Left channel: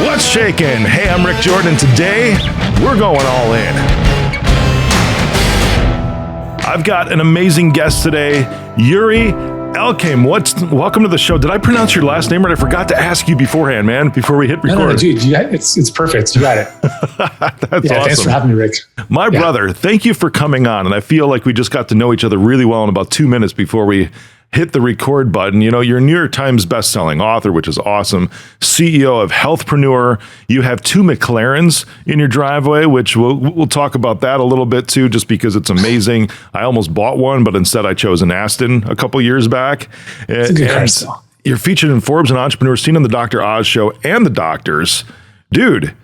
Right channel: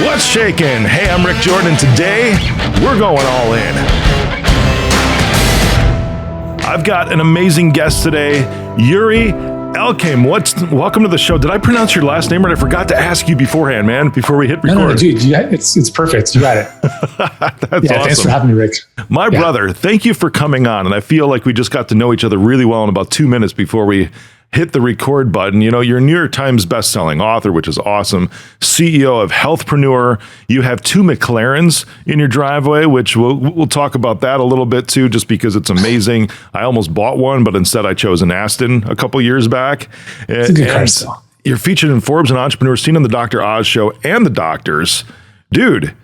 What's shakin'? Hey, I'm Rick Jordan, and today we're going all in. I've got an amazing guest today, Yuri Elkaim. Welcome to the show. Did I pronounce your last name right? I forgot to ask you beforehand, man, before we hit record. No, dude, it's perfect. You got it. That's awesome. Thanks for having me, Rick. My brother, thank you for coming on. And I feel like we just got to know each other really well in about 2 minutes before we hit the record button. You know, you're a New York Times bestselling author, which is awesome. CEO of Healthpreneur. You have 2 Mclarens in your driveway, which we'll talk about that a little bit too, just because it's amazing. I almost bought one, but instead I chose an Aston a couple years back. And you're featured in Forbes and Entrepreneur, seen on the Dr. Oz show and the Doctors. Dude,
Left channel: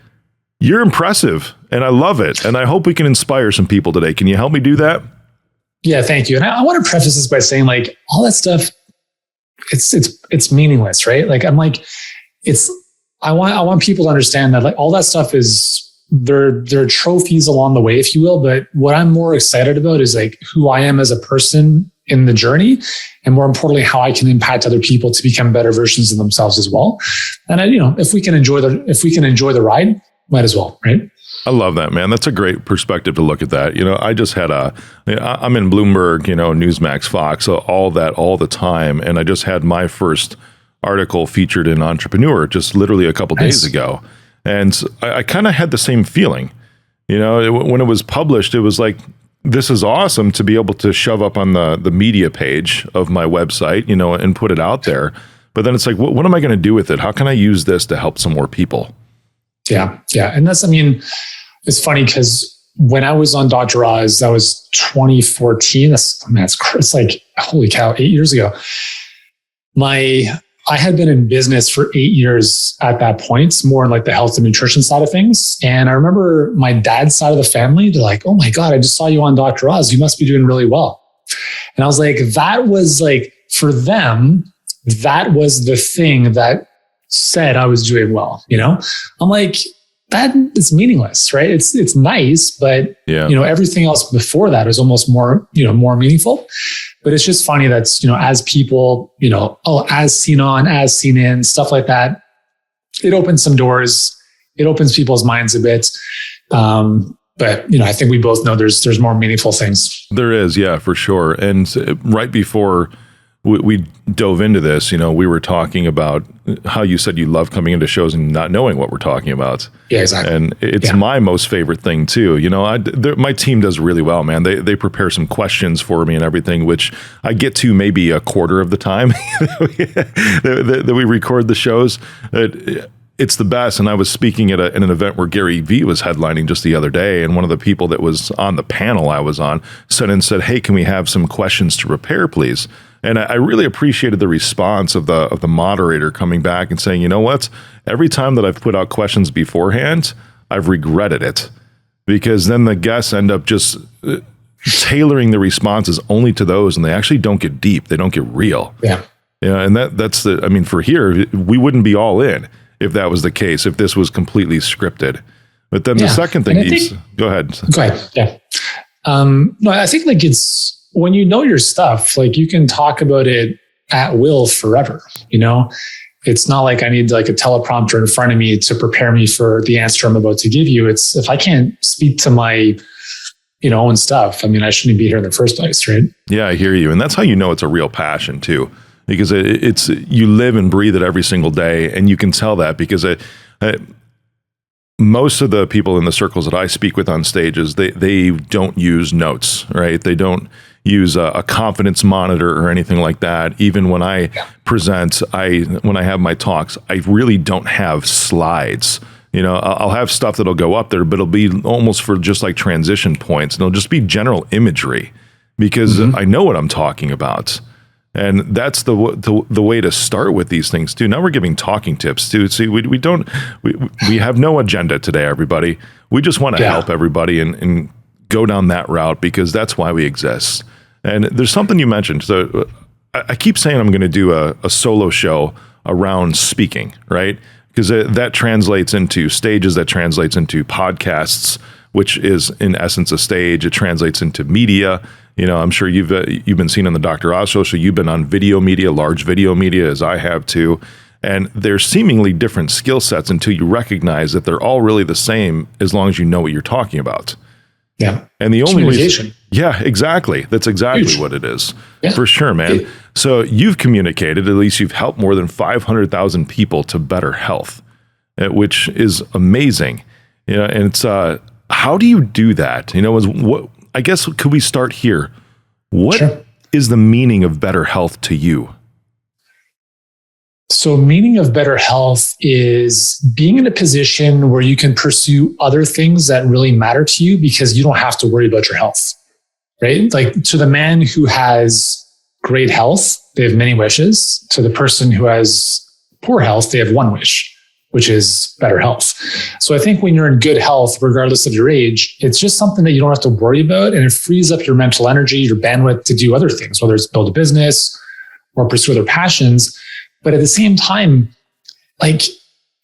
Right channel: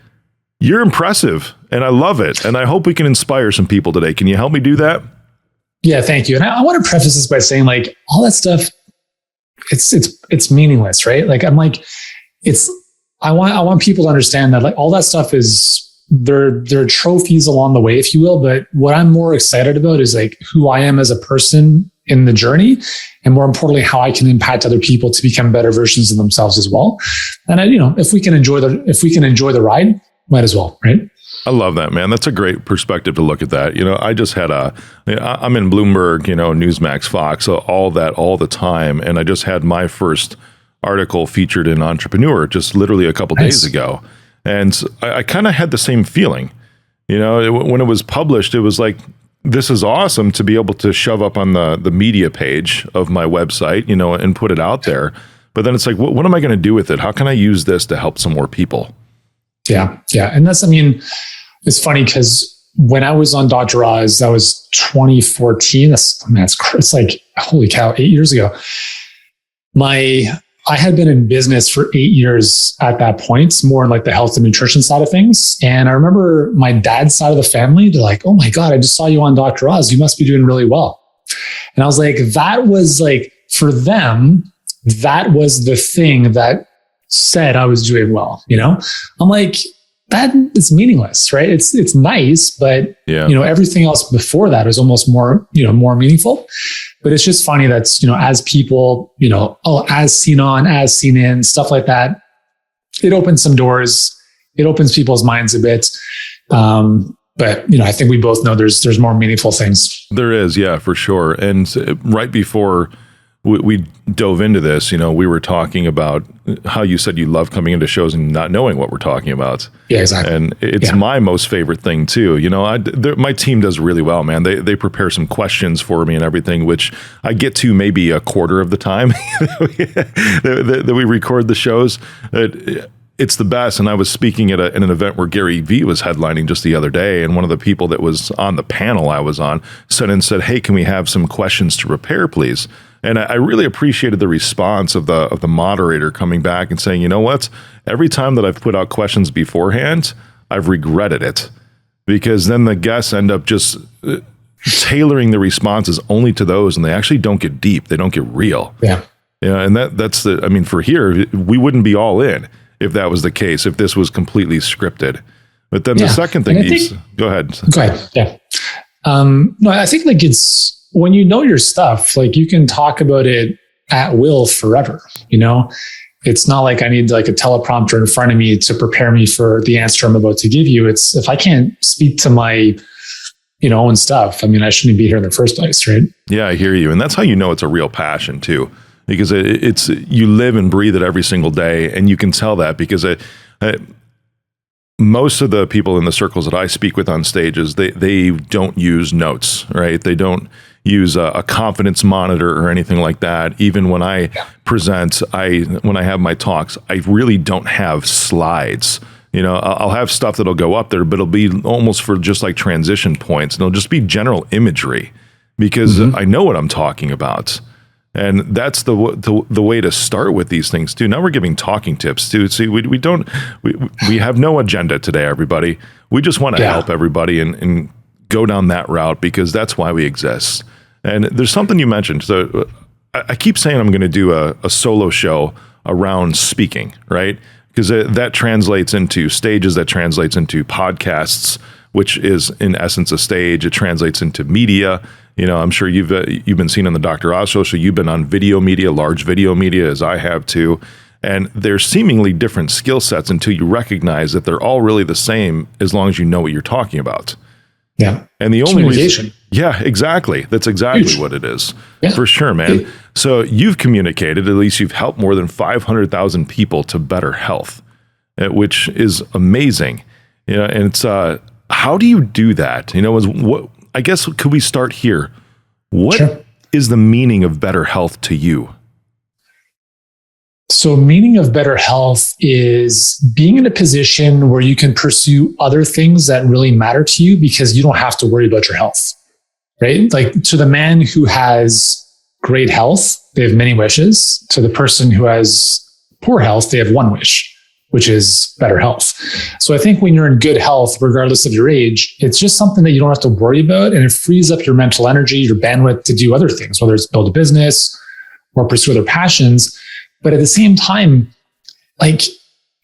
you're impressive, and I love it. And I hope we can inspire some people today. Can you help me do that? Yeah, thank you. And I want to preface this by saying, like, all that stuff, it's meaningless, right? Like, I'm like, I want people to understand that, like, all that stuff is they're trophies along the way, if you will. But what I'm more excited about is like who I am as a person in the journey, and more importantly, how I can impact other people to become better versions of themselves as well. And if we can enjoy the ride, might as well, right? I love that, man. That's a great perspective to look at that. You know, I just had I'm in Bloomberg, Newsmax, Fox, so all that all the time. And I just had my first article featured in Entrepreneur just literally a couple days ago. And I kind of had the same feeling, when it was published. It was like, this is awesome to be able to shove up on the media page of my website, and put it out there. But then it's like, what am I going to do with it? How can I use this to help some more people? Yeah. And it's funny because when I was on Dr. Oz, that was 2014. It's like, holy cow, 8 years ago. I had been in business for 8 years at that point, more in like the health and nutrition side of things. And I remember my dad's side of the family, they're like, oh my God, I just saw you on Dr. Oz. You must be doing really well. And I was like, that was like, for them, that was the thing that said I was doing well. I'm like, that is meaningless, right? It's nice, but everything else before that is almost more meaningful. But it's just funny that as people, as seen on, as seen in, stuff like that, it opens some doors, it opens people's minds a bit. But I think we both know there's more meaningful things. There is, yeah, for sure. And right before we dove into this, we were talking about how you said you love coming into shows and not knowing what we're talking about. Yeah, exactly. And it's my most favorite thing too. My team does really well, man. They prepare some questions for me and everything, which I get to maybe a quarter of the time that we record the shows. It's the best. And I was speaking at an event where Gary Vee was headlining just the other day. And one of the people that was on the panel I was on said, hey, can we have some questions to prepare, please? And I really appreciated the response of the moderator coming back and saying, you know what? Every time that I've put out questions beforehand, I've regretted it, because then the guests end up just tailoring the responses only to those, and they actually don't get deep. They don't get real. Yeah. And that's for here, we wouldn't be all in if that was the case, if this was completely scripted. But then the second thing go ahead. Yeah. No, I think like it's, when you know your stuff, like you can talk about it at will forever. It's not like I need like a teleprompter in front of me to prepare me for the answer I'm about to give you. It's, if I can't speak to my, own stuff, I shouldn't be here in the first place, right? Yeah, I hear you. And that's how you know it's a real passion too, because it's you live and breathe it every single day. And you can tell that because most of the people in the circles that I speak with on stages, they don't use notes, right? They don't use a confidence monitor or anything like that. Even when I present, when I have my talks, I really don't have slides. I'll have stuff that'll go up there, but it'll be almost for just like transition points. And it'll just be general imagery because I know what I'm talking about. And that's the way to start with these things too. Now we're giving talking tips too. See, we have no agenda today, everybody. We just want to help everybody and go down that route, because that's why we exist. And there's something you mentioned. So I keep saying I'm going to do a solo show around speaking, right? Because that translates into stages, that translates into podcasts, which is in essence a stage. It translates into media. I'm sure you've been seen on the Dr. Oz show, so you've been on video media, large video media, as I have too. And they're seemingly different skill sets until you recognize that they're all really the same as long as you know what you're talking about. Yeah. And the only reason, yeah, exactly. That's exactly what it is. Yeah. For sure, man. So you've communicated, at least you've helped more than 500,000 people to better health, which is amazing. You know, and it's, how do you do that? You know, what, I guess, could we start here? What is the meaning of better health to you? So meaning of better health is being in a position where you can pursue other things that really matter to you because you don't have to worry about your health, right? Like to the man who has great health, they have many wishes. To the person who has poor health, they have one wish, which is better health. So I think when you're in good health, regardless of your age, it's just something that you don't have to worry about, and it frees up your mental energy, your bandwidth to do other things, whether it's build a business or pursue other passions. But at the same time, like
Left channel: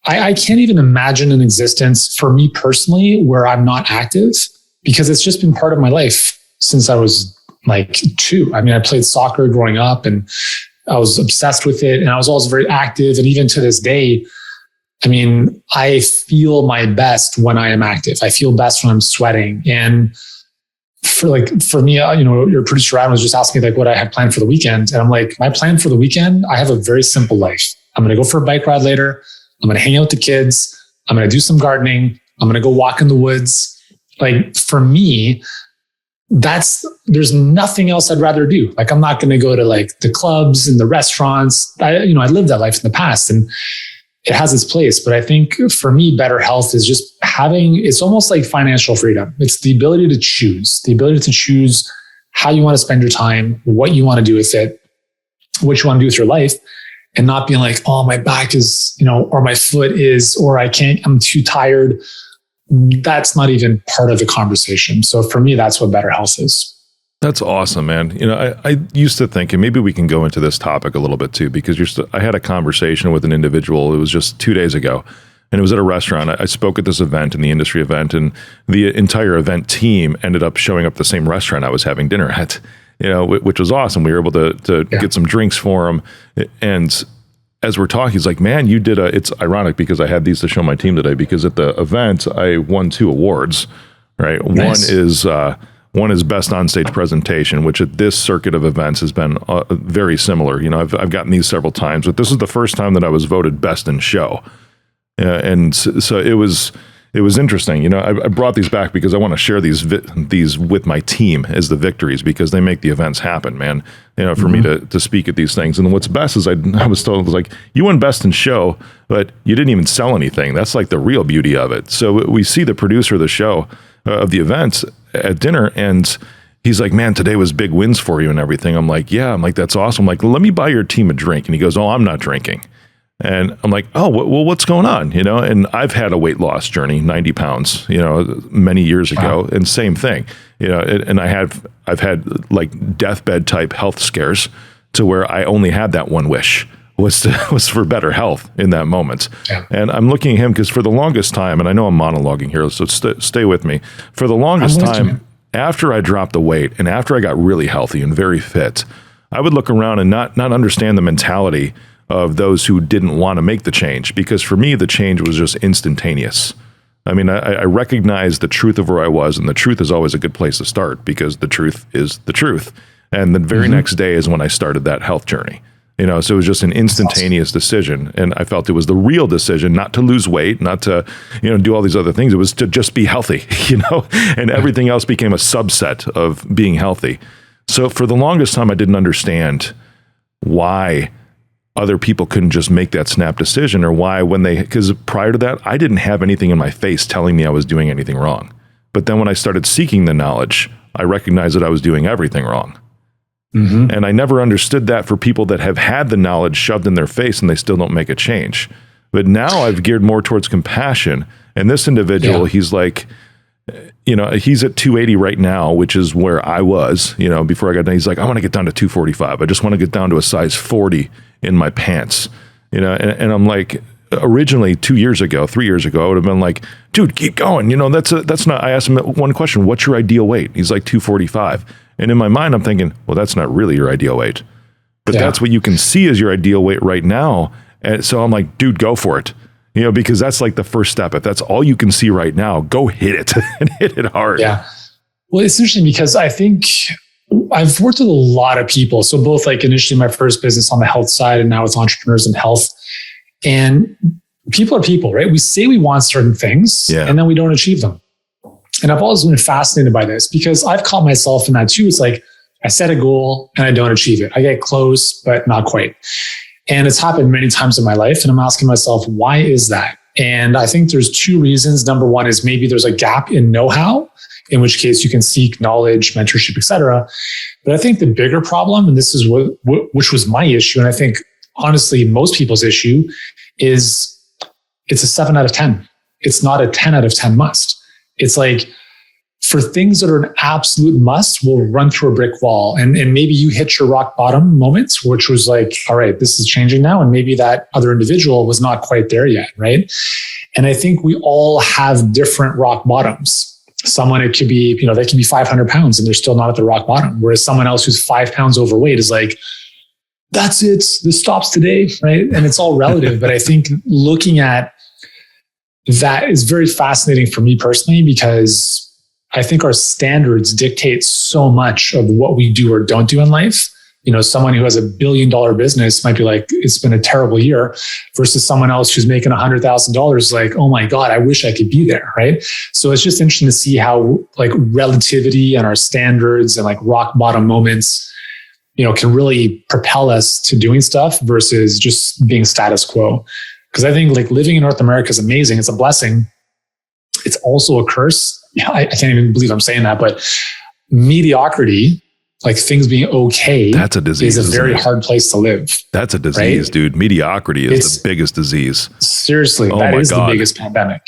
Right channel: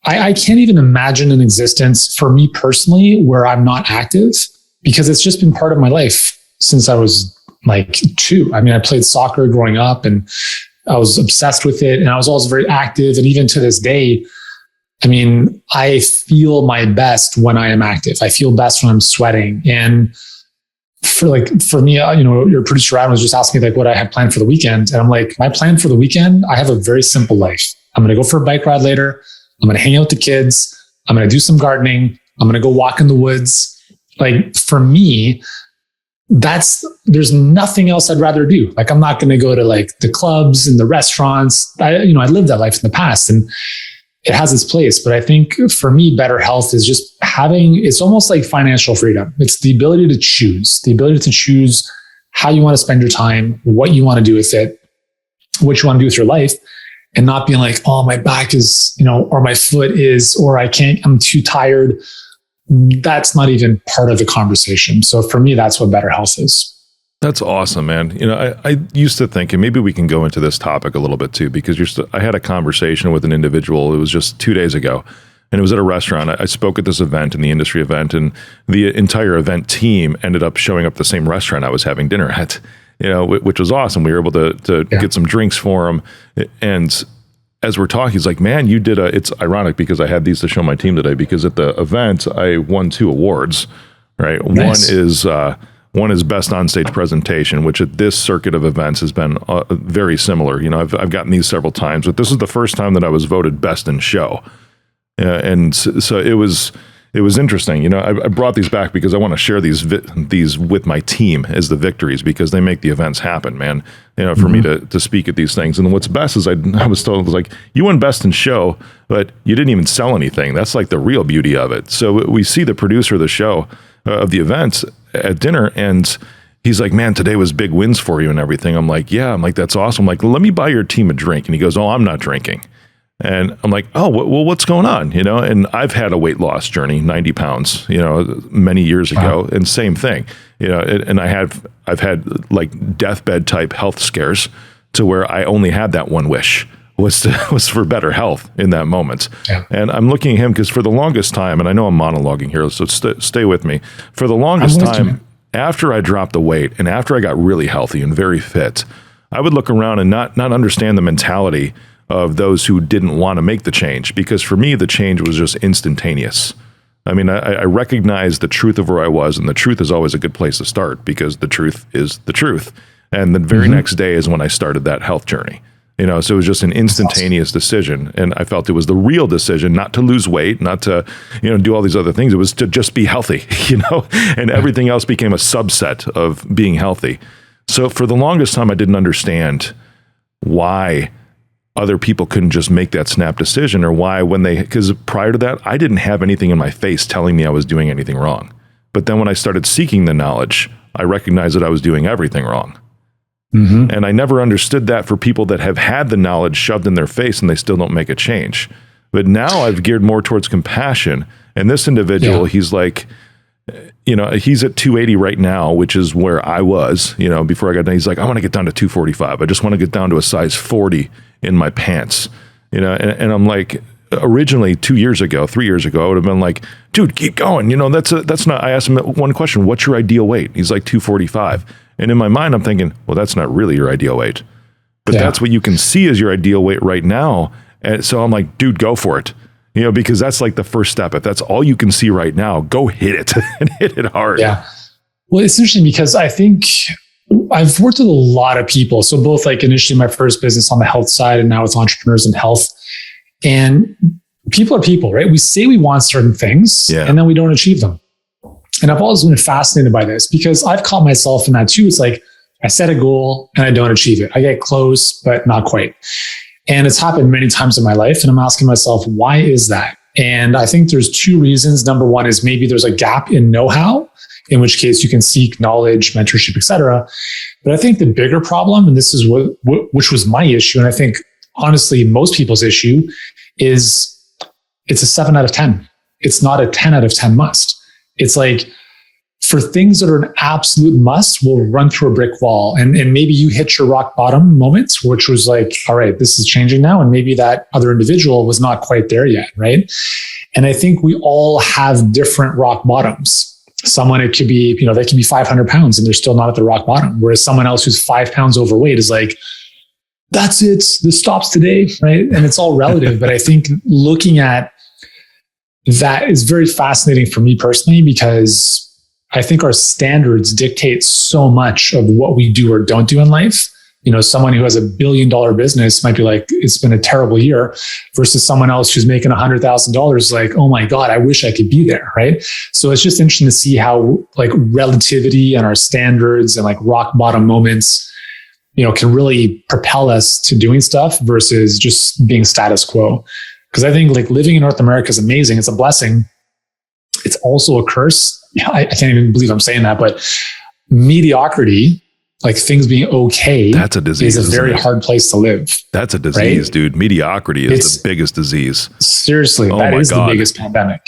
I can't even imagine an existence for me personally where I'm not active, because it's just been part of my life since I was like 2. I mean, I played soccer growing up and I was obsessed with it, and I was always very active. And even to this day, I mean, I feel my best when I am active. I feel best when I'm sweating. And for me, you know, your producer Ryan was just asking me like what I had planned for the weekend. And I'm like, my plan for the weekend, I have a very simple life. I'm going to go for a bike ride later. I'm going to hang out with the kids. I'm going to do some gardening. I'm going to go walk in the woods. Like for me, there's nothing else I'd rather do. Like I'm not going to go to like the clubs and the restaurants. I lived that life in the past and it has its place. But I think for me, better health is just it's almost like financial freedom. It's the ability to choose how you want to spend your time, what you want to do with it, what you want to do with your life, and not being like, oh, my back is, or my foot is, or I'm too tired. That's not even part of the conversation. So for me, that's what better health is. That's awesome, man. I used to think, and maybe we can go into this topic a little bit too, because I had a conversation with an individual. It was just 2 days ago, and it was at a restaurant. I spoke at this event, in the industry event, and the entire event team ended up showing up at the same restaurant I was having dinner at, which was awesome. We were able to get some drinks for him. And as we're talking, he's like, man, you did it's ironic because I had these to show my team today, because at the event, I won 2 awards, right? Nice. One is best on-stage presentation, which at this circuit of events has been very similar. I've gotten these several times, but this is the first time that I was voted best in show. And so it was interesting. I brought these back because I want to share these with my team as the victories, because they make the events happen, man. For me to speak at these things. And what's best is I was told, like, you won best in show, but you didn't even sell anything. That's like the real beauty of it. So we see the producer of the show, of the events at dinner, and he's like, man, today was big wins for you and everything. I'm like, yeah. I'm like, that's awesome. I'm like, let me buy your team a drink. And he goes, oh, I'm not drinking. And I'm like, oh, well, what's going on? And I've had a weight loss journey, 90 pounds, many years ago. Wow. And same thing, and I've had like deathbed type health scares to where I only had that one wish was for better health in that moment. Yeah. And I'm looking at him because for the longest time, and I know I'm monologuing here, so stay with me. For the longest time, after I dropped the weight and after I got really healthy and very fit, I would look around and not understand the mentality of those who didn't want to make the change. Because for me, the change was just instantaneous. I mean, I recognized the truth of where I was, and the truth is always a good place to start because the truth is the truth. And the very next day is when I started that health journey. So it was just an instantaneous decision. And I felt it was the real decision, not to lose weight, not to, do all these other things. It was to just be healthy, and everything else became a subset of being healthy. So for the longest time, I didn't understand why other people couldn't just make that snap decision, or why because prior to that, I didn't have anything in my face telling me I was doing anything wrong. But then when I started seeking the knowledge, I recognized that I was doing everything wrong. Mm-hmm. And I never understood that for people that have had the knowledge shoved in their face and they still don't make a change. But now I've geared more towards compassion. And this individual, he's like, he's at 280 right now, which is where I was, before I got done. He's like, I want to get down to 245. I just want to get down to a size 40 in my pants, and I'm like, originally 3 years ago, I would have been like, dude, keep going. That's not, I asked him one question, what's your ideal weight? He's like 245. And in my mind, I'm thinking, well, that's not really your ideal weight, but that's what you can see as your ideal weight right now. And so I'm like, dude, go for it. Because that's like the first step. If that's all you can see right now, go hit it and hit it hard. Yeah. Well, it's interesting because I think I've worked with a lot of people. So both like initially my first business on the health side and now it's entrepreneurs in health. And people are people, right? We say we want certain things and then we don't achieve them. And I've always been fascinated by this because I've caught myself in that too. It's like I set a goal and I don't achieve it. I get close, but not quite. And it's happened many times in my life. And I'm asking myself, why is that? And I think there's two reasons. Number one is maybe there's a gap in know-how, in which case you can seek knowledge, mentorship, etc. But I think the bigger problem, and this is which was my issue, and I think honestly most people's issue, is it's a 7 out of 10. It's not a 10 out of 10 must. It's like for things that are an absolute must, we'll run through a brick wall. And maybe you hit your rock bottom moments, which was like, all right, this is changing now. And maybe that other individual was not quite there yet, right? And I think we all have different rock bottoms. Someone, it could be, they can be 500 pounds and they're still not at the rock bottom. Whereas someone else who's 5 pounds overweight is like, that's it, this stops today, right? And it's all relative. But I think looking at that is very fascinating for me personally, because I think our standards dictate so much of what we do or don't do in life. Someone who has $1 billion business might be like, it's been a terrible year, versus someone else who's making $100,000 like, oh my God, I wish I could be there, right? So it's just interesting to see how like relativity and our standards and like rock bottom moments, can really propel us to doing stuff versus just being status quo. Because I think like living in North America is amazing. It's a blessing. It's also a curse. I can't even believe I'm saying that, but mediocrity, like things being okay, that's a disease, is a very hard place to live. That's a disease, right? Dude. Mediocrity is the biggest disease. Seriously. Oh my God. The biggest pandemic.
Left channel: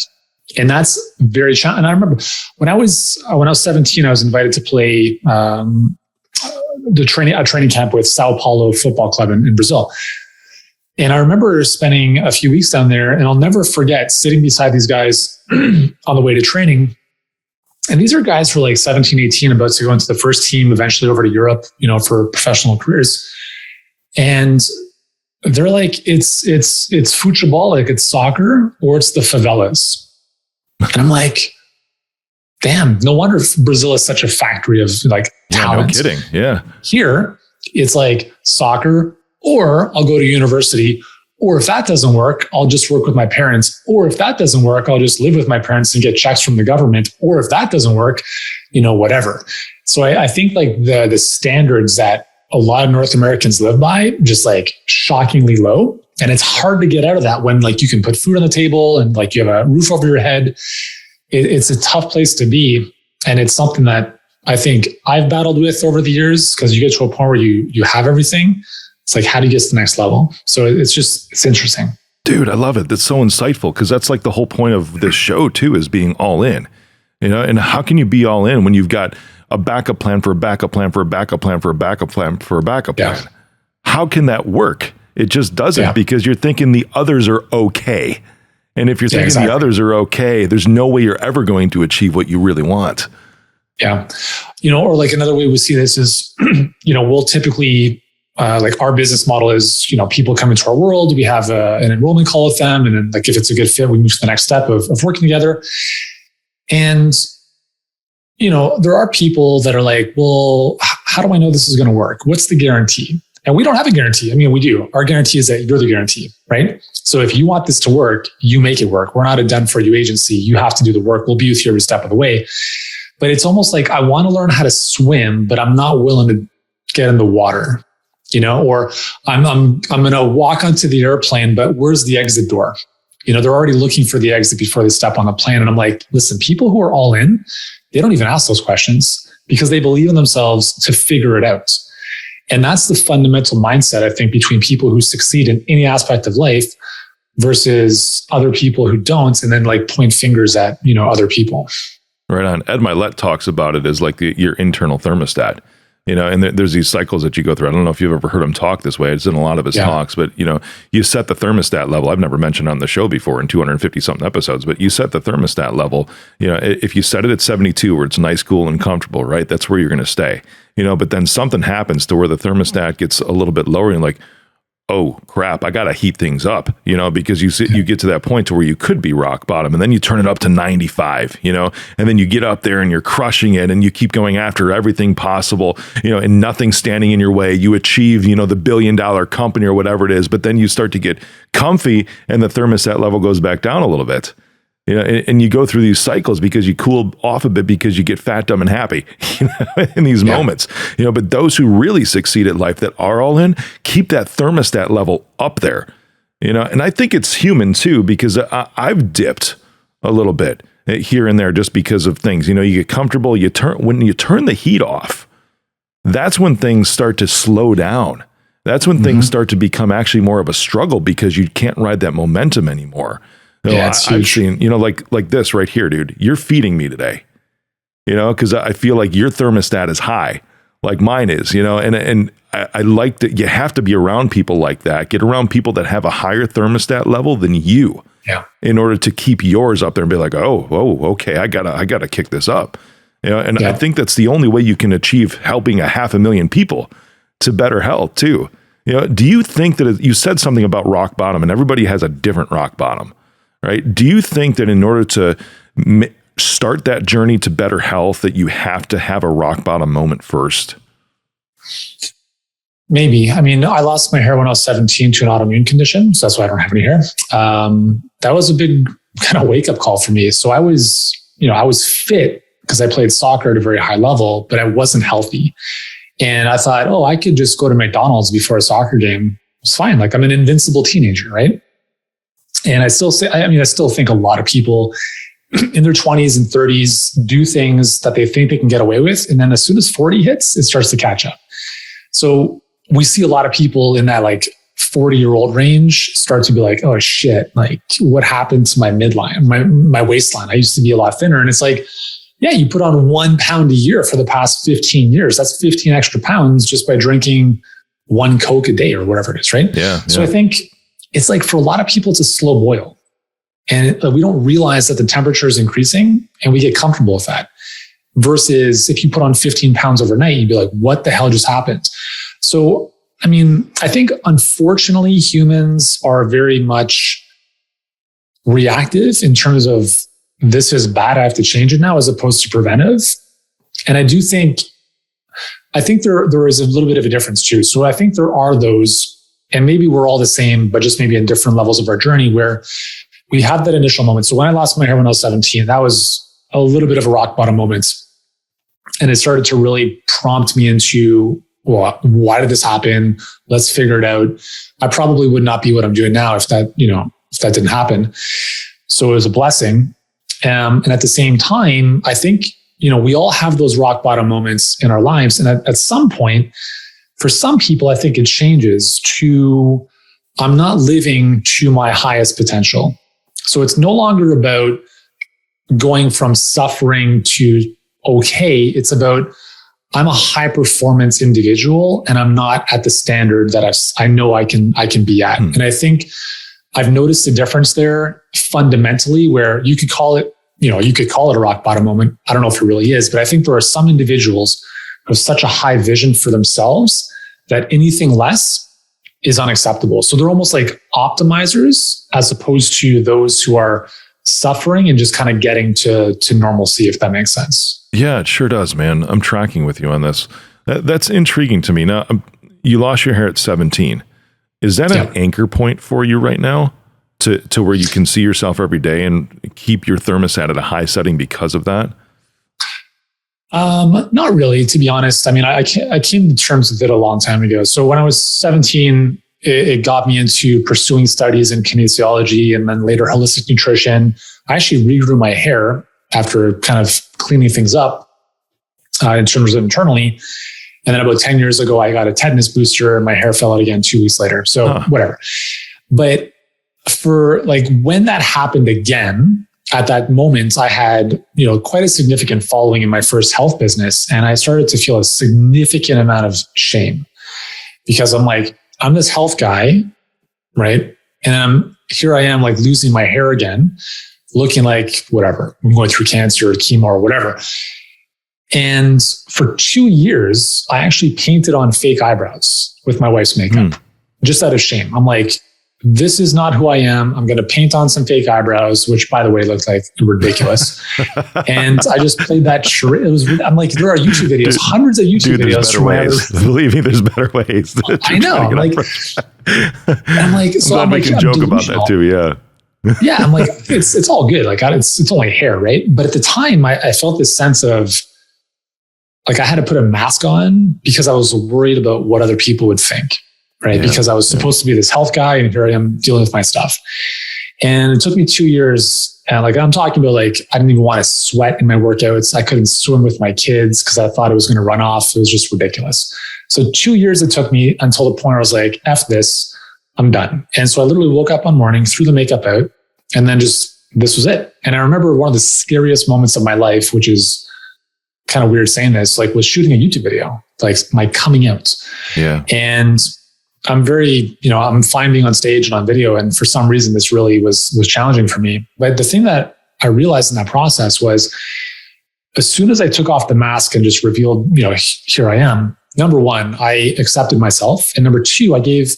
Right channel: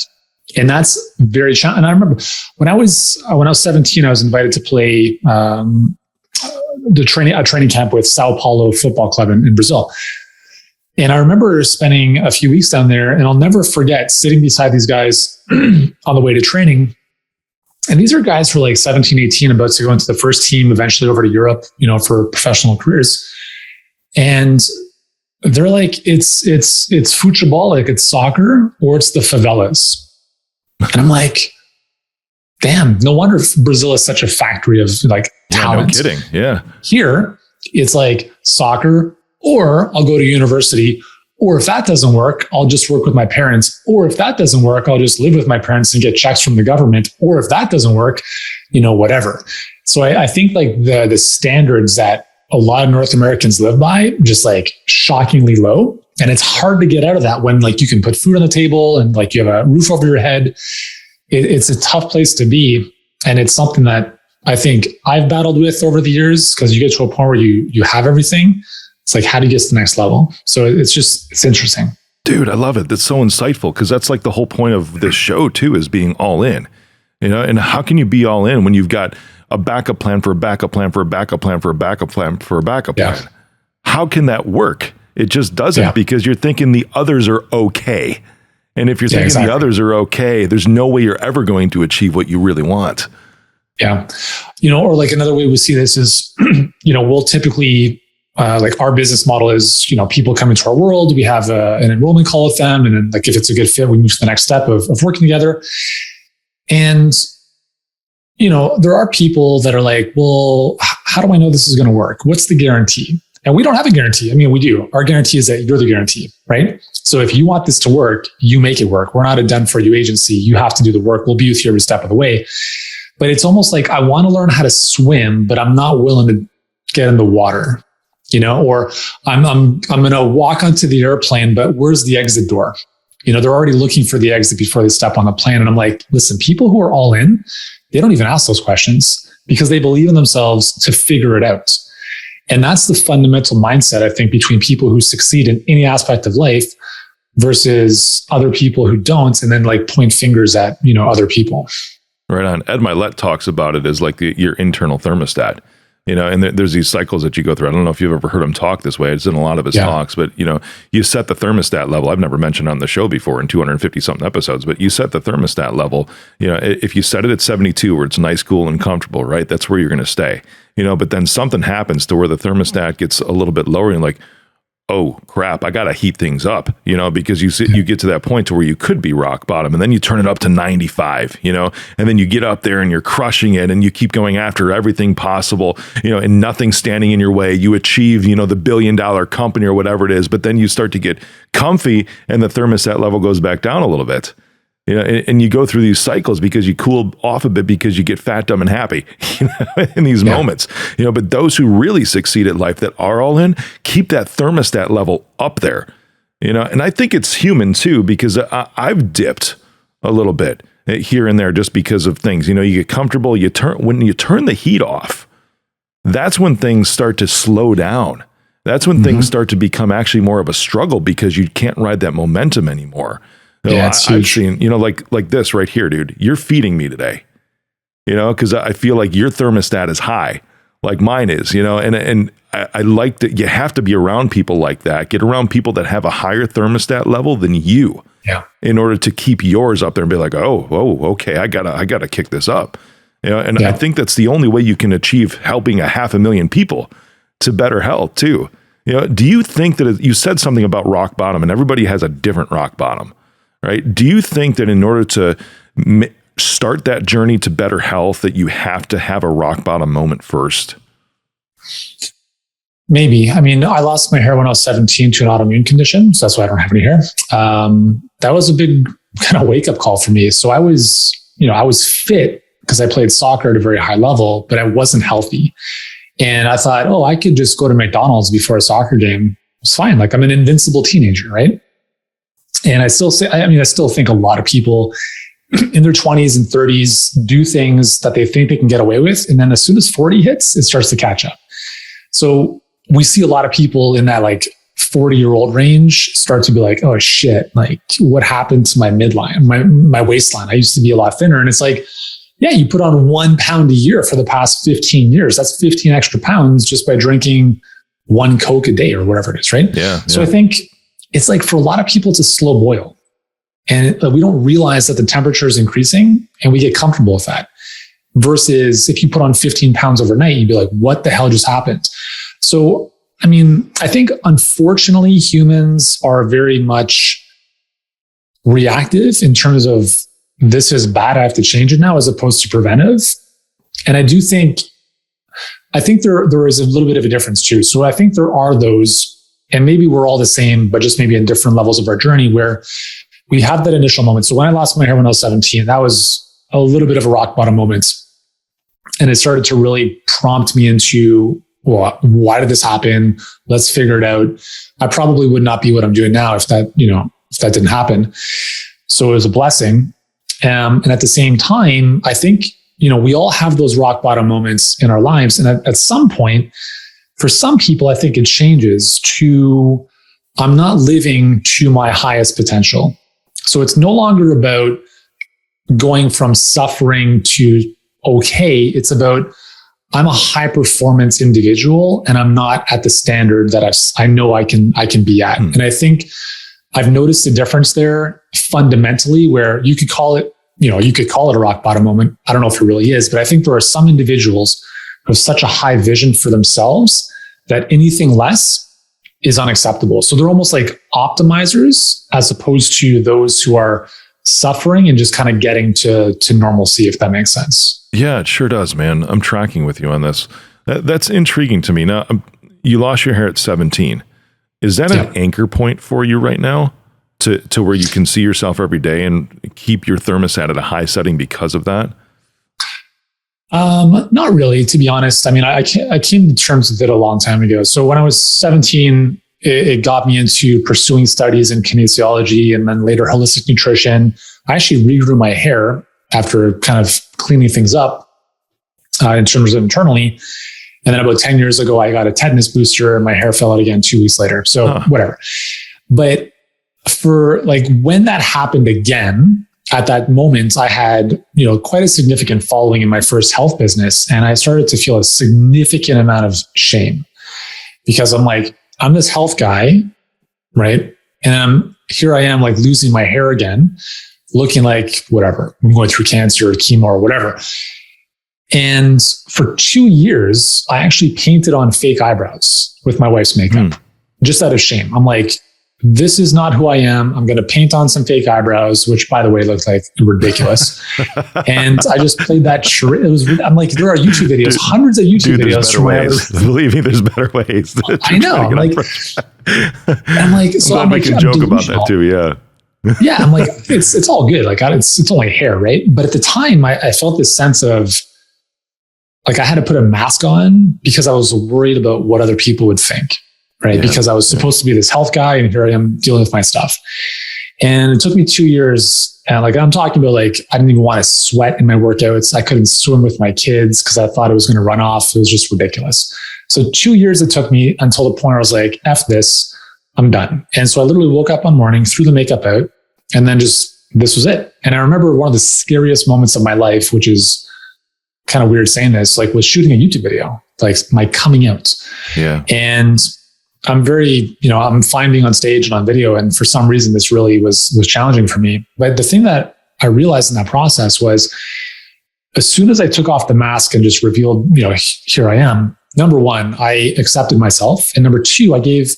And that's very challenging. And I remember when I was 17, I was invited to play a training camp with Sao Paulo Football Club in Brazil. And I remember spending a few weeks down there, and I'll never forget sitting beside these guys on the way to training. And these are guys who are like 17, 18, about to go into the first team, eventually over to Europe, for professional careers. And they're like, it's football, like it's soccer, or it's the favelas. And I'm like, damn, no wonder Brazil is such a factory of like talent. Yeah, no kidding. Yeah. Here, it's like soccer, or I'll go to university, or if that doesn't work, I'll just work with my parents, or if that doesn't work, I'll just live with my parents and get checks from the government, or if that doesn't work, whatever. So I think like the standards that a lot of North Americans live by, just like shockingly low. And it's hard to get out of that when like you can put food on the table and like you have a roof over your head. It's a tough place to be. And it's something that I think I've battled with over the years, because you get to a point where you have everything. It's like, how do you get to the next level? So it's interesting. Dude, I love it. That's so insightful, because that's like the whole point of this show too, is being all in, and how can you be all in when you've got a backup plan for a backup plan for a backup plan for a backup plan for a backup plan? How can that work? It just doesn't, because you're thinking the others are okay. And if you're thinking the others are okay, there's no way you're ever going to achieve what you really want. Yeah. Or like another way we see this is, we'll typically, like our business model is, people come into our world, we have an enrollment call with them. And then like, if it's a good fit, we move to the next step of working together. And, there are people that are like, well, how do I know this is going to work? What's the guarantee? And we don't have a guarantee. I mean, we do. Our guarantee is that you're the guarantee, right? So if you want this to work, you make it work. We're not a done for you agency. You have to do the work. We'll be with you every step of the way. But it's almost like I want to learn how to swim, but I'm not willing to get in the water, or I'm going to walk onto the airplane, but where's the exit door? They're already looking for the exit before they step on the plane. And I'm like, listen, people who are all in, they don't even ask those questions because they believe in themselves to figure it out. And that's the fundamental mindset, I think, between people who succeed in any aspect of life versus other people who don't, and then like point fingers at, other people. Right on. Ed Milet talks about it as like your internal thermostat, and there's these cycles that you go through. I don't know if you've ever heard him talk this way. It's in a lot of his talks, but you set the thermostat level. I've never mentioned on the show before in 250 something episodes, but you set the thermostat level. If you set it at 72 where it's nice, cool, and comfortable, right? That's where you're going to stay, but then something happens to where the thermostat gets a little bit lower and like, oh crap, I got to heat things up, because you get to that point to where you could be rock bottom, and then you turn it up to 95, and then you get up there and you're crushing it, and you keep going after everything possible, and nothing standing in your way. You achieve, the $1 billion company or whatever it is, but then you start to get comfy and the thermostat level goes back down a little bit. And you go through these cycles because you cool off a bit because you get fat, dumb, and happy, in these moments, but those who really succeed at life that are all in, keep that thermostat level up there, and I think it's human too, because I've dipped a little bit here and there just because of things, you get comfortable, when you turn the heat off, that's when things start to slow down. That's when things start to become actually more of a struggle because you can't ride that momentum anymore. I've seen, like this right here, dude, you're feeding me today, because I feel like your thermostat is high, like mine is, and I like that you have to be around people like that. Get around people that have a higher thermostat level than you, in order to keep yours up there and be like, oh, okay, I gotta kick this up, I think that's the only way you can achieve helping 500,000 people to better health too. Do you think that you said something about rock bottom, and everybody has a different rock bottom? Right? Do you think that in order to start that journey to better health, that you have to have a rock bottom moment first? Maybe. I mean, I lost my hair when I was 17 to an autoimmune condition, so that's why I don't have any hair. That was a big kind of wake up call for me. So I was fit because I played soccer at a very high level, but I wasn't healthy. And I thought, I could just go to McDonald's before a soccer game. It's fine. Like, I'm an invincible teenager, right? And I still think a lot of people in their 20s and 30s do things that they think they can get away with. And then as soon as 40 hits, it starts to catch up. So we see a lot of people in that like 40-year-old range start to be like, oh shit, like what happened to my midline, my waistline? I used to be a lot thinner. And it's like, yeah, you put on 1 pound a year for the past 15 years. That's 15 extra pounds just by drinking 1 Coke a day or whatever it is, right? Yeah. So I think it's like for a lot of people, it's a slow boil. And we don't realize that the temperature is increasing and we get comfortable with that. Versus if you put on 15 pounds overnight, you'd be like, what the hell just happened? So, I mean, I think unfortunately humans are very much reactive in terms of this is bad, I have to change it now, as opposed to preventive. And I think there is a little bit of a difference too. So I think there are those, and maybe we're all the same, but just maybe in different levels of our journey where we have that initial moment. So when I lost my hair when I was 17, that was a little bit of a rock bottom moment. And it started to really prompt me into, well, why did this happen? Let's figure it out. I probably would not be what I'm doing now if that didn't happen. So it was a blessing. And at the same time, I think, we all have those rock bottom moments in our lives. And at some point, for some people, I think it changes to, I'm not living to my highest potential. So it's no longer about going from suffering to okay. It's about, I'm a high performance individual and I'm not at the standard that I know I can be at. And I think I've noticed a difference there fundamentally where you could call it a rock bottom moment. I don't know if it really is, but I think there are some individuals who have such a high vision for themselves that anything less is unacceptable. So they're almost like optimizers as opposed to those who are suffering and just kind of getting to normalcy, if that makes sense. Yeah, it sure does, man. I'm tracking with you on this. That's intriguing to me. Now, you lost your hair at 17. Is that an anchor point for you right now to where you can see yourself every day and keep your thermostat at a high setting because of that? Not really, to be honest. I mean, I came to terms with it a long time ago. So when I was 17, it got me into pursuing studies in kinesiology and then later holistic nutrition. I actually regrew my hair after kind of cleaning things up in terms of internally. And then about 10 years ago, I got a tetanus booster and my hair fell out again 2 weeks later. So whatever. But for like when that happened again, at that moment, I had, quite a significant following in my first health business. And I started to feel a significant amount of shame because I'm like, I'm this health guy, right? And here I am like losing my hair again, looking like whatever, I'm going through cancer or chemo or whatever. And for 2 years, I actually painted on fake eyebrows with my wife's makeup. just out of shame. I'm like, this is not who I am. I'm going to paint on some fake eyebrows, which by the way, looked like ridiculous. And I just played that. I'm like, there are YouTube videos, hundreds of YouTube videos. There's better ways. Believe me, there's better ways. I know. I'm glad we can joke about that too. Yeah. Yeah. I'm like, it's all good. Like it's only hair. Right. But at the time I felt this sense of like, I had to put a mask on because I was worried about what other people would think. Right. Yeah, because I was supposed to be this health guy and here I am dealing with my stuff. And it took me 2 years. And like, I'm talking about like, I didn't even want to sweat in my workouts. I couldn't swim with my kids because I thought it was going to run off. It was just ridiculous. So 2 years it took me until the point where I was like, F this, I'm done. And so I literally woke up one morning, threw the makeup out, and then this was it. And I remember one of the scariest moments of my life, which is kind of weird saying this, like was shooting a YouTube video, like my coming out. Yeah. And I'm very, I'm fine being on stage and on video. And for some reason, this really was challenging for me. But the thing that I realized in that process was as soon as I took off the mask and just revealed, here I am, number one, I accepted myself. And number two, I gave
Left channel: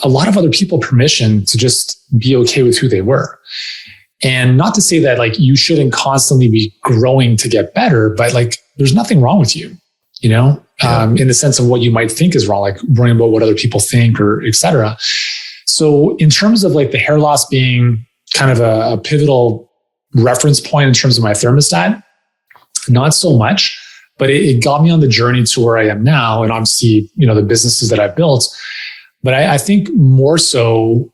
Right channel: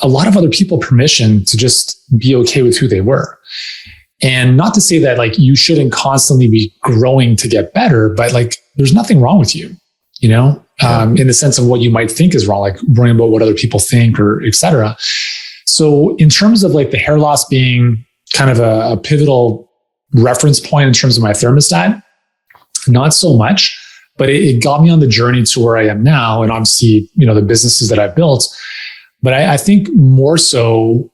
a lot of other people permission to just be okay with who they were. And not to say that like you shouldn't constantly be growing to get better, but like there's nothing wrong with you. In the sense of what you might think is wrong, like worrying about what other people think or et cetera. So in terms of like the hair loss being kind of a pivotal reference point in terms of my thermostat, not so much, but it got me on the journey to where I am now. And obviously, the businesses that I've built, but I think more so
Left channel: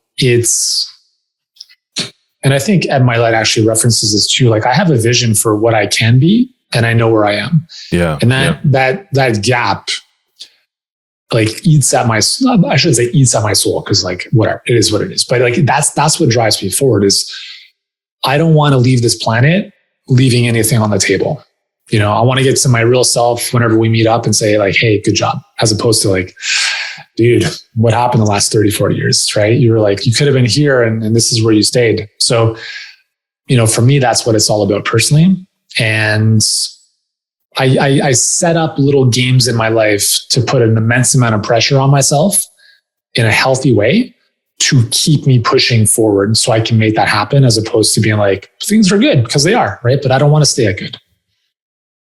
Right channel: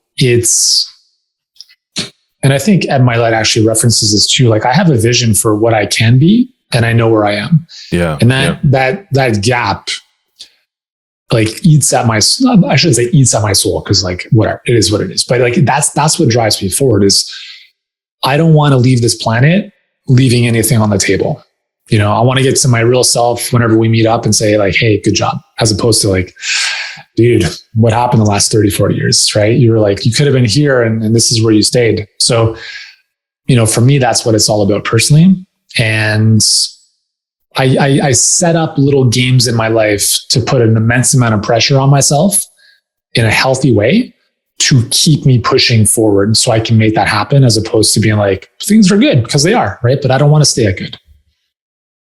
and I think Ed Milet actually references this too. Like I have a vision for what I can be, and I know where I am. Yeah. And that gap like eats at my soul, because like whatever, it is what it is. But like that's what drives me forward is I don't want to leave this planet leaving anything on the table. I want to get to my real self whenever we meet up and say like, hey, good job. As opposed to like, dude, what happened the last 30, 40 years, right? You were like, you could have been here and this is where you stayed. So, for me, that's what it's all about personally. And I set up little games in my life to put an immense amount of pressure on myself in a healthy way to keep me pushing forward so I can make that happen, as opposed to being like, things are good because they are, right? But I don't want to stay at good.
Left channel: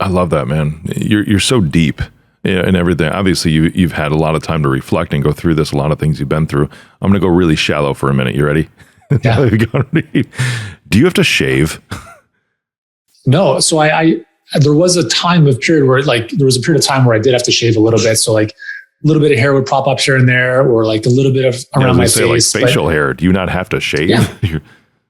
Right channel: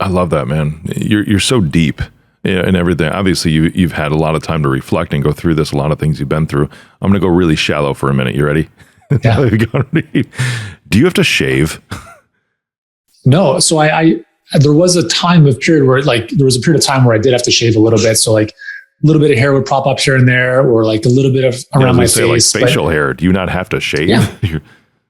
I love that, man. You're so deep in everything. Obviously, you've had a lot of time to reflect and go through this, a lot of things you've been through. I'm going to go really shallow for a minute. You ready? Yeah. Do you have to shave? No. So there was a period where I did have to shave a little bit. So like a little bit of hair would pop up here and there, or like a little bit of around my face. Like facial hair. Do you not have to shave? Yeah.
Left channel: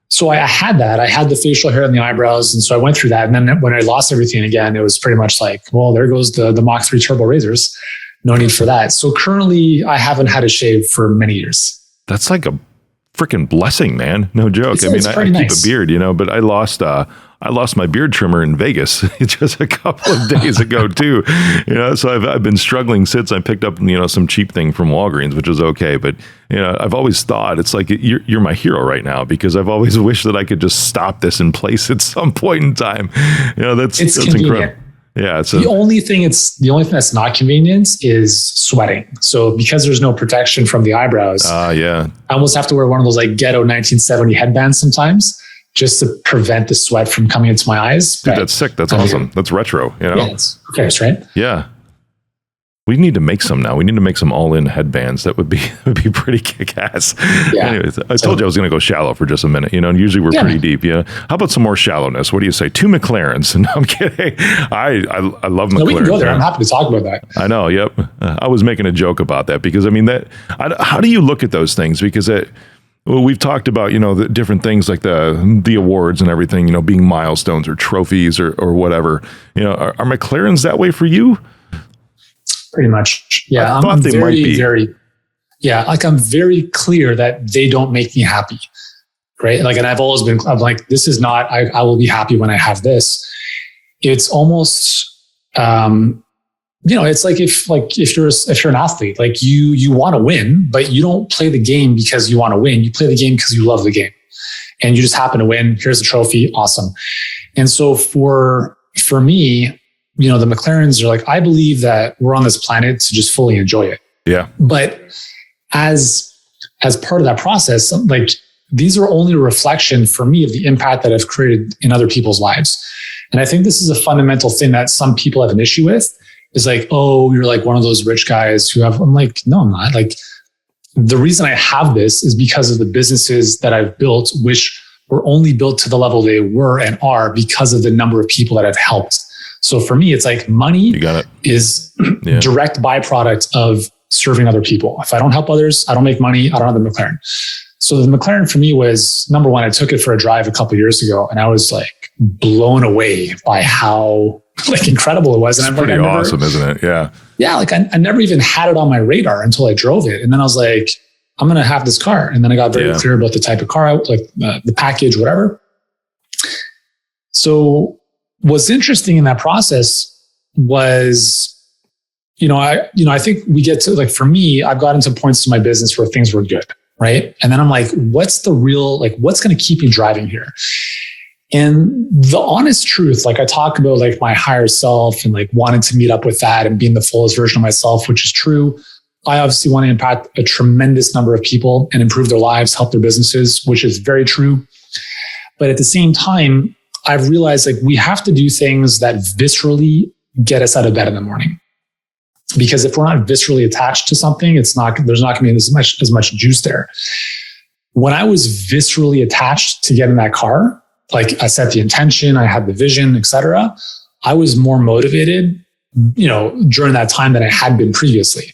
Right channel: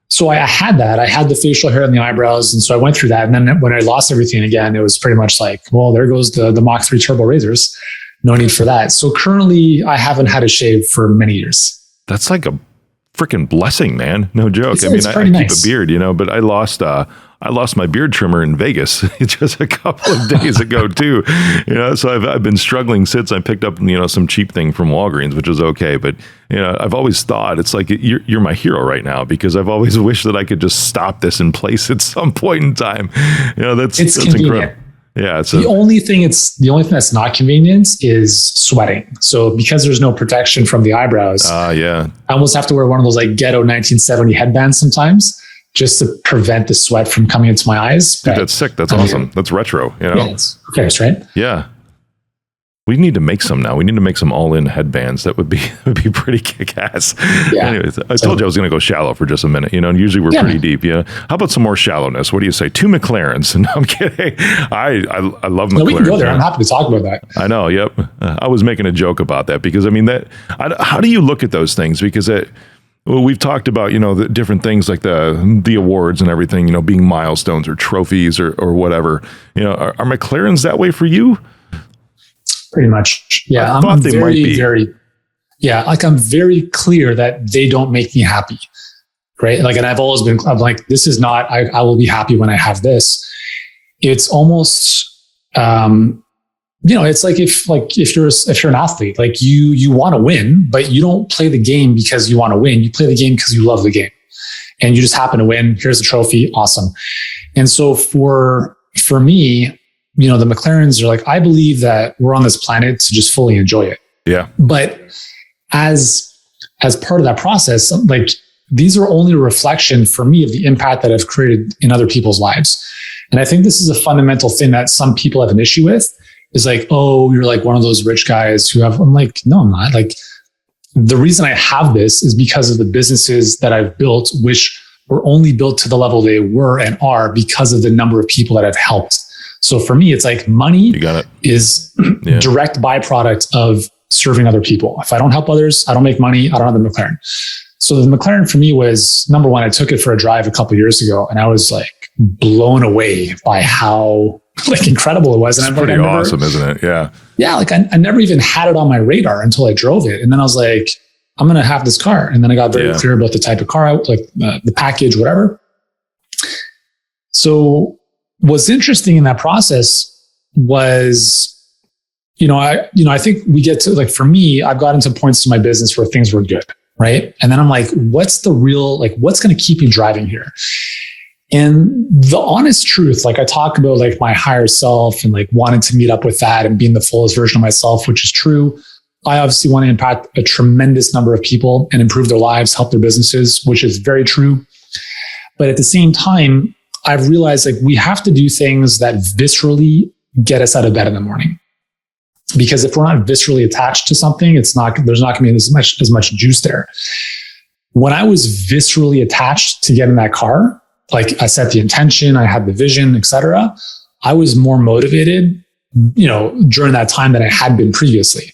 So I had that. I had the facial hair and the eyebrows. And so I went through that. And then when I lost everything again, it was pretty much like, well, there goes the Mach 3 turbo razors. No need for that. So currently I haven't had a shave for many years. That's like a freaking blessing, man. No joke. I keep a beard, but I lost my beard trimmer in Vegas just a couple of days ago too. So I've been struggling since I picked up, some cheap thing from Walgreens, which is okay. But, I've always thought it's like, you're my hero right now, because I've always wished that I could just stop this in place at some point in time. That's incredible. Yeah. So the only thing that's not convenient is sweating. So because there's no protection from the eyebrows, I almost have to wear one of those like ghetto 1970 headbands sometimes, just to prevent the sweat from coming into my eyes. Dude, that's sick. That's awesome. That's retro, Yeah, it's okay, right? Yeah. We need to make some now. We need to make some all-in headbands. That would be pretty kick-ass. Yeah. Anyways, I told you I was going to go shallow for just a minute. And usually we're pretty deep. Yeah. How about some more shallowness? What do you say? 2 Mclarens. No, I'm kidding. I love Mclarens. I'm happy to talk about that. I know. Yep. I was making a joke about that because how do you look at those things? Because we've talked about, the different things like the awards and everything, being milestones or trophies or whatever. Are Mclarens that way for you? Pretty much. Yeah. I thought they might be. I'm very clear that they don't make me happy. Right. Like, and I'm like, this is not, I will be happy when I have this. It's almost, it's like if you're an athlete, like you want to win, but you don't play the game because you want to win. You play the game because you love the game, and you just happen to win. Here's a trophy, awesome. And so for me, the Mclarens are like, I believe that we're on this planet to just fully enjoy it. Yeah. But as part of that process, like these are only a reflection for me of the impact that I've created in other people's lives. And I think this is a fundamental thing that some people have an issue with, is like, oh, you're like one of those rich guys who have, I'm like, no, I'm not. Like, the reason I have this is because of the businesses that I've built, which were only built to the level they were and are because of the number of people that I've helped. So for me, it's like money is direct byproduct of serving other people. If I don't help others, I don't make money. I don't have the Mclaren. So the Mclaren for me was, number one, I took it for a drive a couple of years ago, and I was like blown away by how like incredible it was. It's pretty awesome, isn't it? Yeah. Yeah. Like I never even had it on my radar until I drove it. And then I was like, I'm going to have this car. And then I got very clear about the type of car, like the package, whatever. So what's interesting in that process was, I think we get to, like, for me, I've gotten to points to my business where things were good. Right. And then I'm like, what's going to keep me driving here? And the honest truth, like I talk about like my higher self and like wanting to meet up with that and being the fullest version of myself, which is true. I obviously want to impact a tremendous number of people and improve their lives, help their businesses, which is very true. But at the same time, I've realized like we have to do things that viscerally get us out of bed in the morning. Because if we're not viscerally attached to something, there's not going to be as much juice there. When I was viscerally attached to getting that car, like I set the intention, I had the vision, etc., I was more motivated, during that time than I had been previously.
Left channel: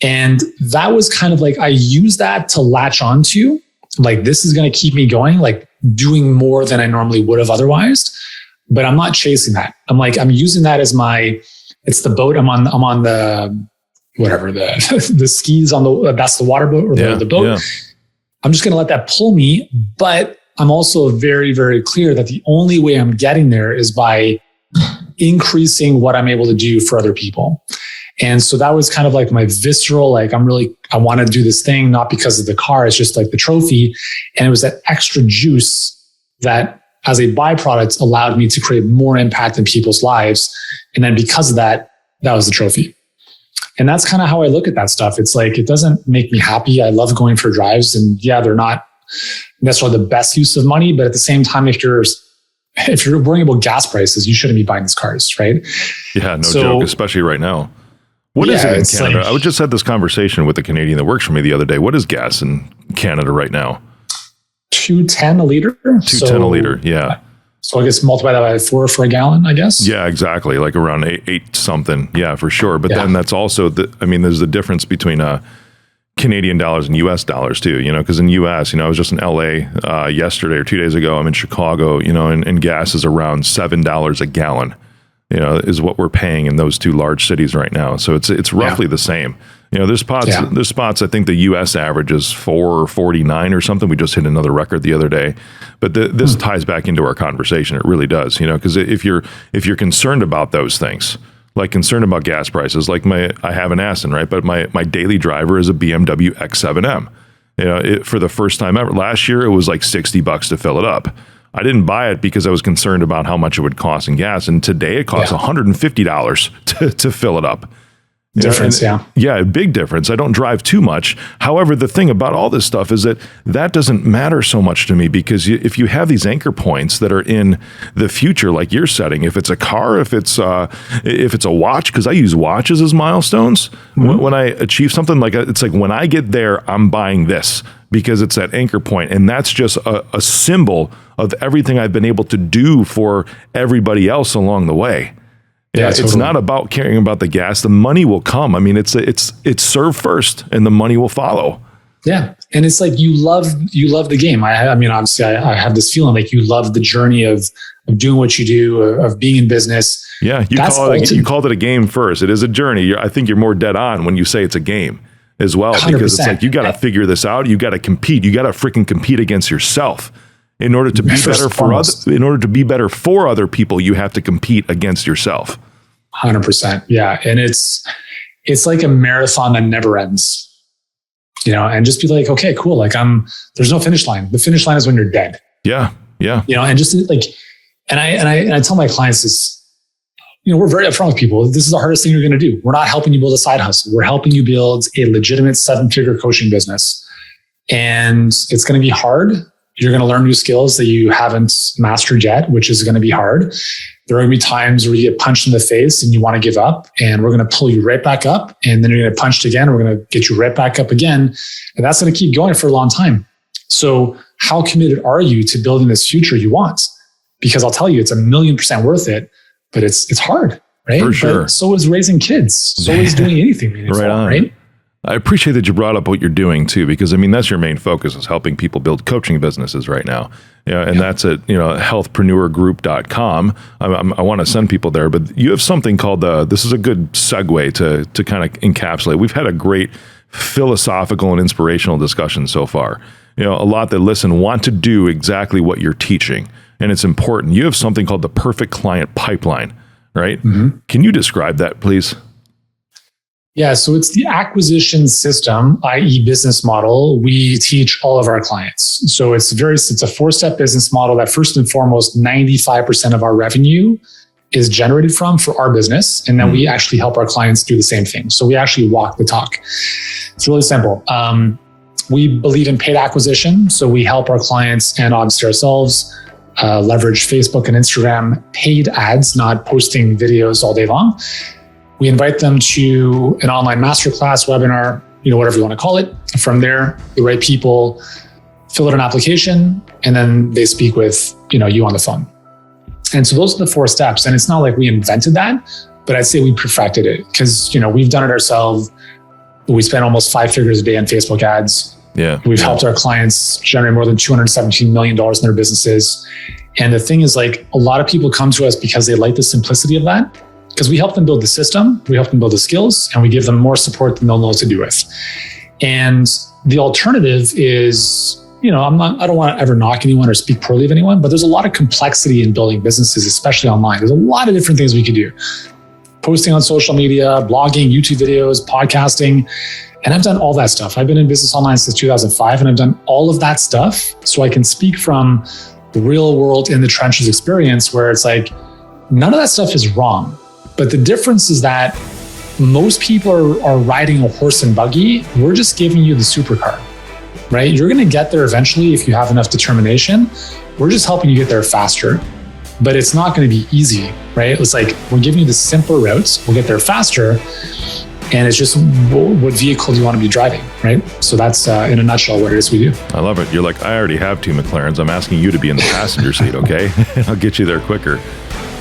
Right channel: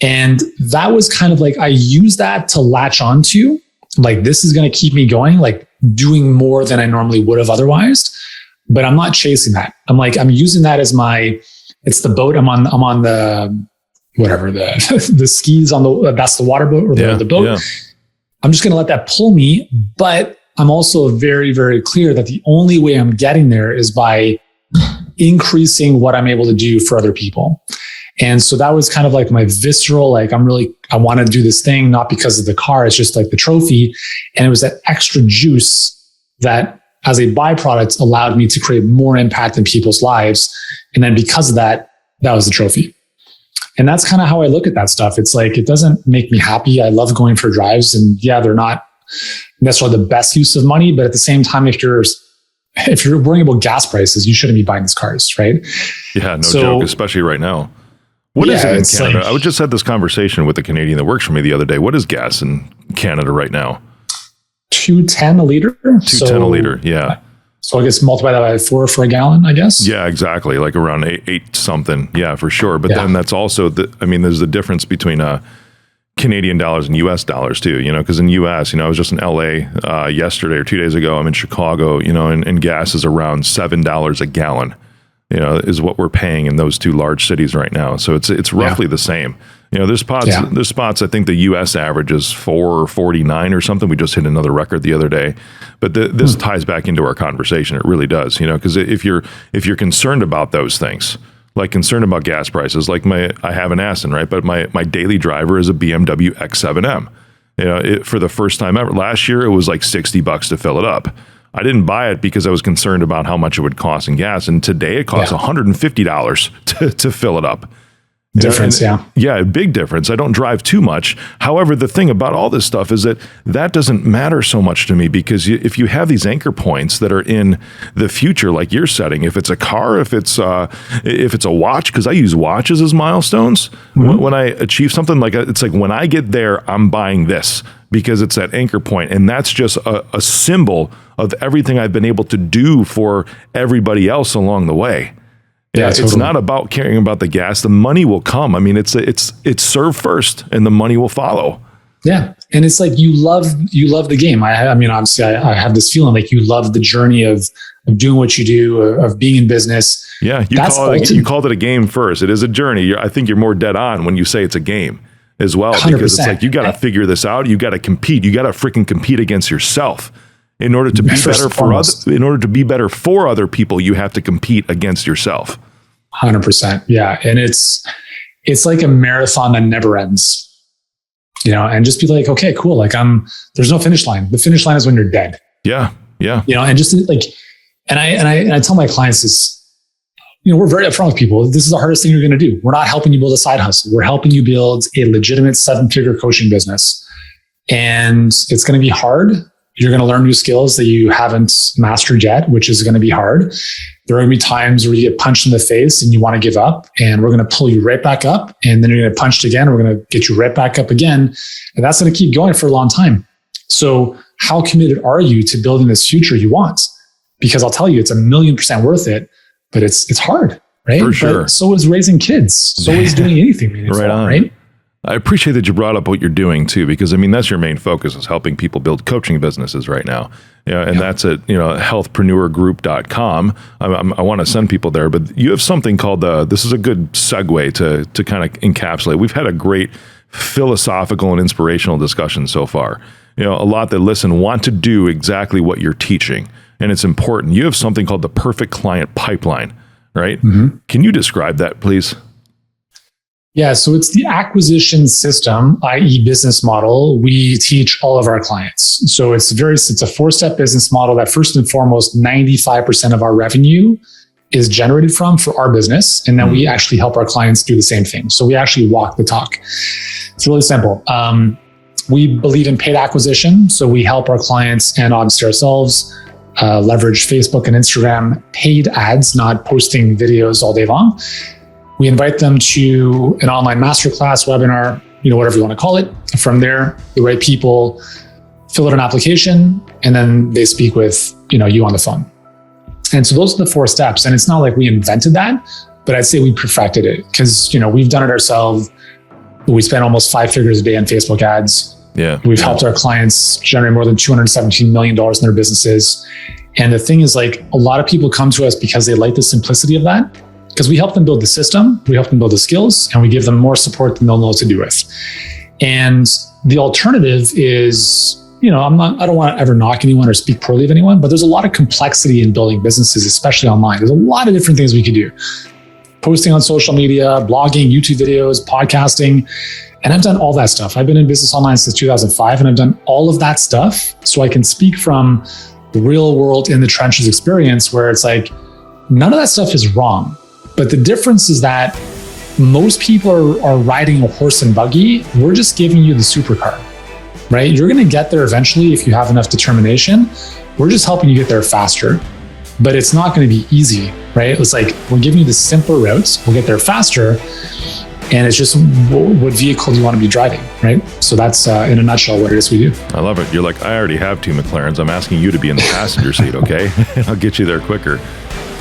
And that was kind of like, I used that to latch onto, like, this is going to keep me going, like doing more than I normally would have otherwise. But I'm not chasing that. I'm using that as it's the boat. I'm on the, whatever, the skis on that's the water boat or the boat. Yeah. I'm just going to let that pull me. But I'm also very, very clear that the only way I'm getting there is by increasing what I'm able to do for other people. And so that was kind of like my visceral, like, I want to do this thing, not because of the car, it's just like the trophy. And it was that extra juice that as a byproduct allowed me to create more impact in people's lives. And then because of that, that was the trophy. And that's kind of how I look at that stuff. It's like, it doesn't make me happy. I love going for drives, and they're not necessarily the best use of money, but at the same time, if you're worrying about gas prices, you shouldn't be buying these cars, right? Yeah, no joke, especially right now. What is it in Canada? I just had this conversation with a Canadian that works for me the other day. What is gas in Canada right now? $2.10 a liter. $2.10 a liter, yeah. So I guess multiply that by 4 for a gallon, I guess. Yeah, exactly. Like around eight something. Yeah, for sure. But then that's also there's the difference between Canadian dollars and US dollars too, because in US, I was just in LA yesterday or 2 days ago. I'm in Chicago, and gas is around $7 a gallon, is what we're paying in those two large cities right now. So it's roughly the same. There's spots, I think the US average is $4.49 or something. We just hit another record the other day. But this ties back into our conversation. It really does, because if you're concerned about those things, like concerned about gas prices, like I have an Aston, right? But my daily driver is a BMW X7M. For the first time ever. Last year, it was like $60 to fill it up. I didn't buy it because I was concerned about how much it would cost in gas. And today it costs $150 to fill it up. Difference, yeah, big difference. I don't drive too much. However, the thing about all this stuff is that doesn't matter so much to me, because if you have these anchor points that are in the future, like you're setting, if it's a car, if it's a watch, because I use watches as milestones. Mm-hmm. When I achieve something, it's like when I get there, I'm buying this because it's that anchor point, and that's just a symbol of everything I've been able to do for everybody else along the way. Yeah, it's not about caring about the gas. The money will come. I mean, it's serve first and the money will follow. Yeah. And it's like, you love the game. I mean, obviously I have this feeling like you love the journey of doing what you do, of being in business. Yeah. You called it a game first. It is a journey. I think you're more dead on when you say it's a game as well, 100%. Because it's like, you got to figure this out. You got to compete. You got to freaking compete against yourself. In order to be better for other people, you have to compete against yourself. 100%. Yeah. And it's like a marathon that never ends, and just be like, okay, cool. Like there's no finish line. The finish line is when you're dead. Yeah. Yeah. And just like, and I tell my clients this we're very upfront with people. This is the hardest thing you're going to do. We're not helping you build a side hustle. We're helping you build a legitimate 7-figure coaching business. And it's going to be hard. You're going to learn new skills that you haven't mastered yet, which is going to be hard. There are going to be times where you get punched in the face and you want to give up, and we're going to pull you right back up. And then you're going to get punched again. We're going to get you right back up again. And that's going to keep going for a long time. So how committed are you to building this future you want? Because I'll tell you, it's 1,000,000% worth it, but it's hard, right? For sure. But so is raising kids. So is doing anything meaningful, right on. Right? I appreciate that you brought up what you're doing too, because I mean, that's your main focus, is helping people build coaching businesses right now. And that's at, healthpreneurgroup.com. I want to send people there, but you have something called this is a good segue to kind of encapsulate. We've had a great philosophical and inspirational discussion so far. A lot that listen want to do exactly what you're teaching, and it's important. You have something called the perfect client pipeline, right? Mm-hmm. Can you describe that, please? Yeah, so it's the acquisition system, i.e. business model, we teach all of our clients. So it's a 4-step business model that first and foremost, 95% of our revenue is generated from for our business. And then we actually help our clients do the same thing. So we actually walk the talk. It's really simple. We believe in paid acquisition. So we help our clients and obviously ourselves leverage Facebook and Instagram paid ads, not posting videos all day long. We invite them to an online masterclass, webinar, whatever you want to call it. From there, the right people fill out an application, and then they speak with you on the phone. And so those are the 4 steps. And it's not like we invented that, but I'd say we perfected it because we've done it ourselves. We spend almost 5 figures a day on Facebook ads. Yeah, we've helped our clients generate more than $217 million in their businesses. And the thing is, a lot of people come to us because they like the simplicity of that. Because we help them build the system, we help them build the skills, and we give them more support than they'll know what to do with. And the alternative is, I don't want to ever knock anyone or speak poorly of anyone, but there's a lot of complexity in building businesses, especially online. There's a lot of different things we could do. Posting on social media, blogging, YouTube videos, podcasting. And I've done all that stuff. I've been in business online since 2005, and I've done all of that stuff. So I can speak from the real world in the trenches experience where it's none of that stuff is wrong. But the difference is that most people are riding a horse and buggy. We're just giving you the supercar, right? You're going to get there eventually if you have enough determination. We're just helping you get there faster, but it's not going to be easy, right? It's we're giving you the simpler routes. We'll get there faster. And it's just what vehicle you want to be driving, right? So that's in a nutshell what it is we do. I love it. You're I already have 2 Mclarens. I'm asking you to be in the passenger seat, okay? I'll get you there quicker.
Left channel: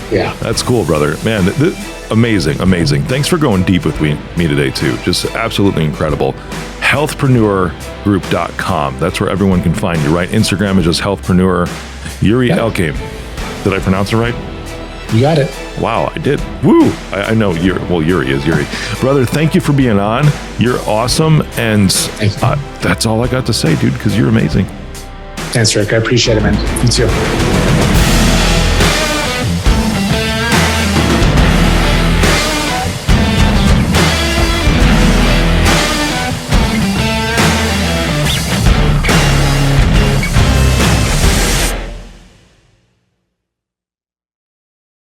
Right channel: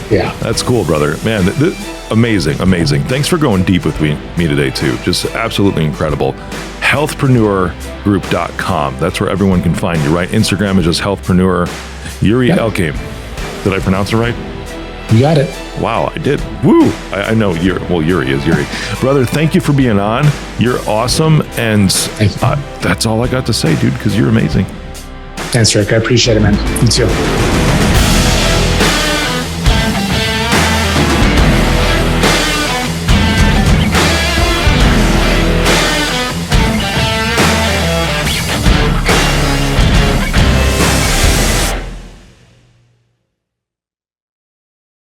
Yeah. That's cool, brother. Man, amazing. Thanks for going deep with me today, too. Just absolutely incredible. Healthpreneurgroup.com. That's where everyone can find you, right? Instagram is just healthpreneur. Yuri Elkaim. Did I pronounce it right? You got it. Wow, I did. Woo! I know Yuri is Yuri. Brother, thank you for being on. You're awesome. And that's all I got to say, dude, because you're amazing. Thanks, Rick. I appreciate it, man. You too.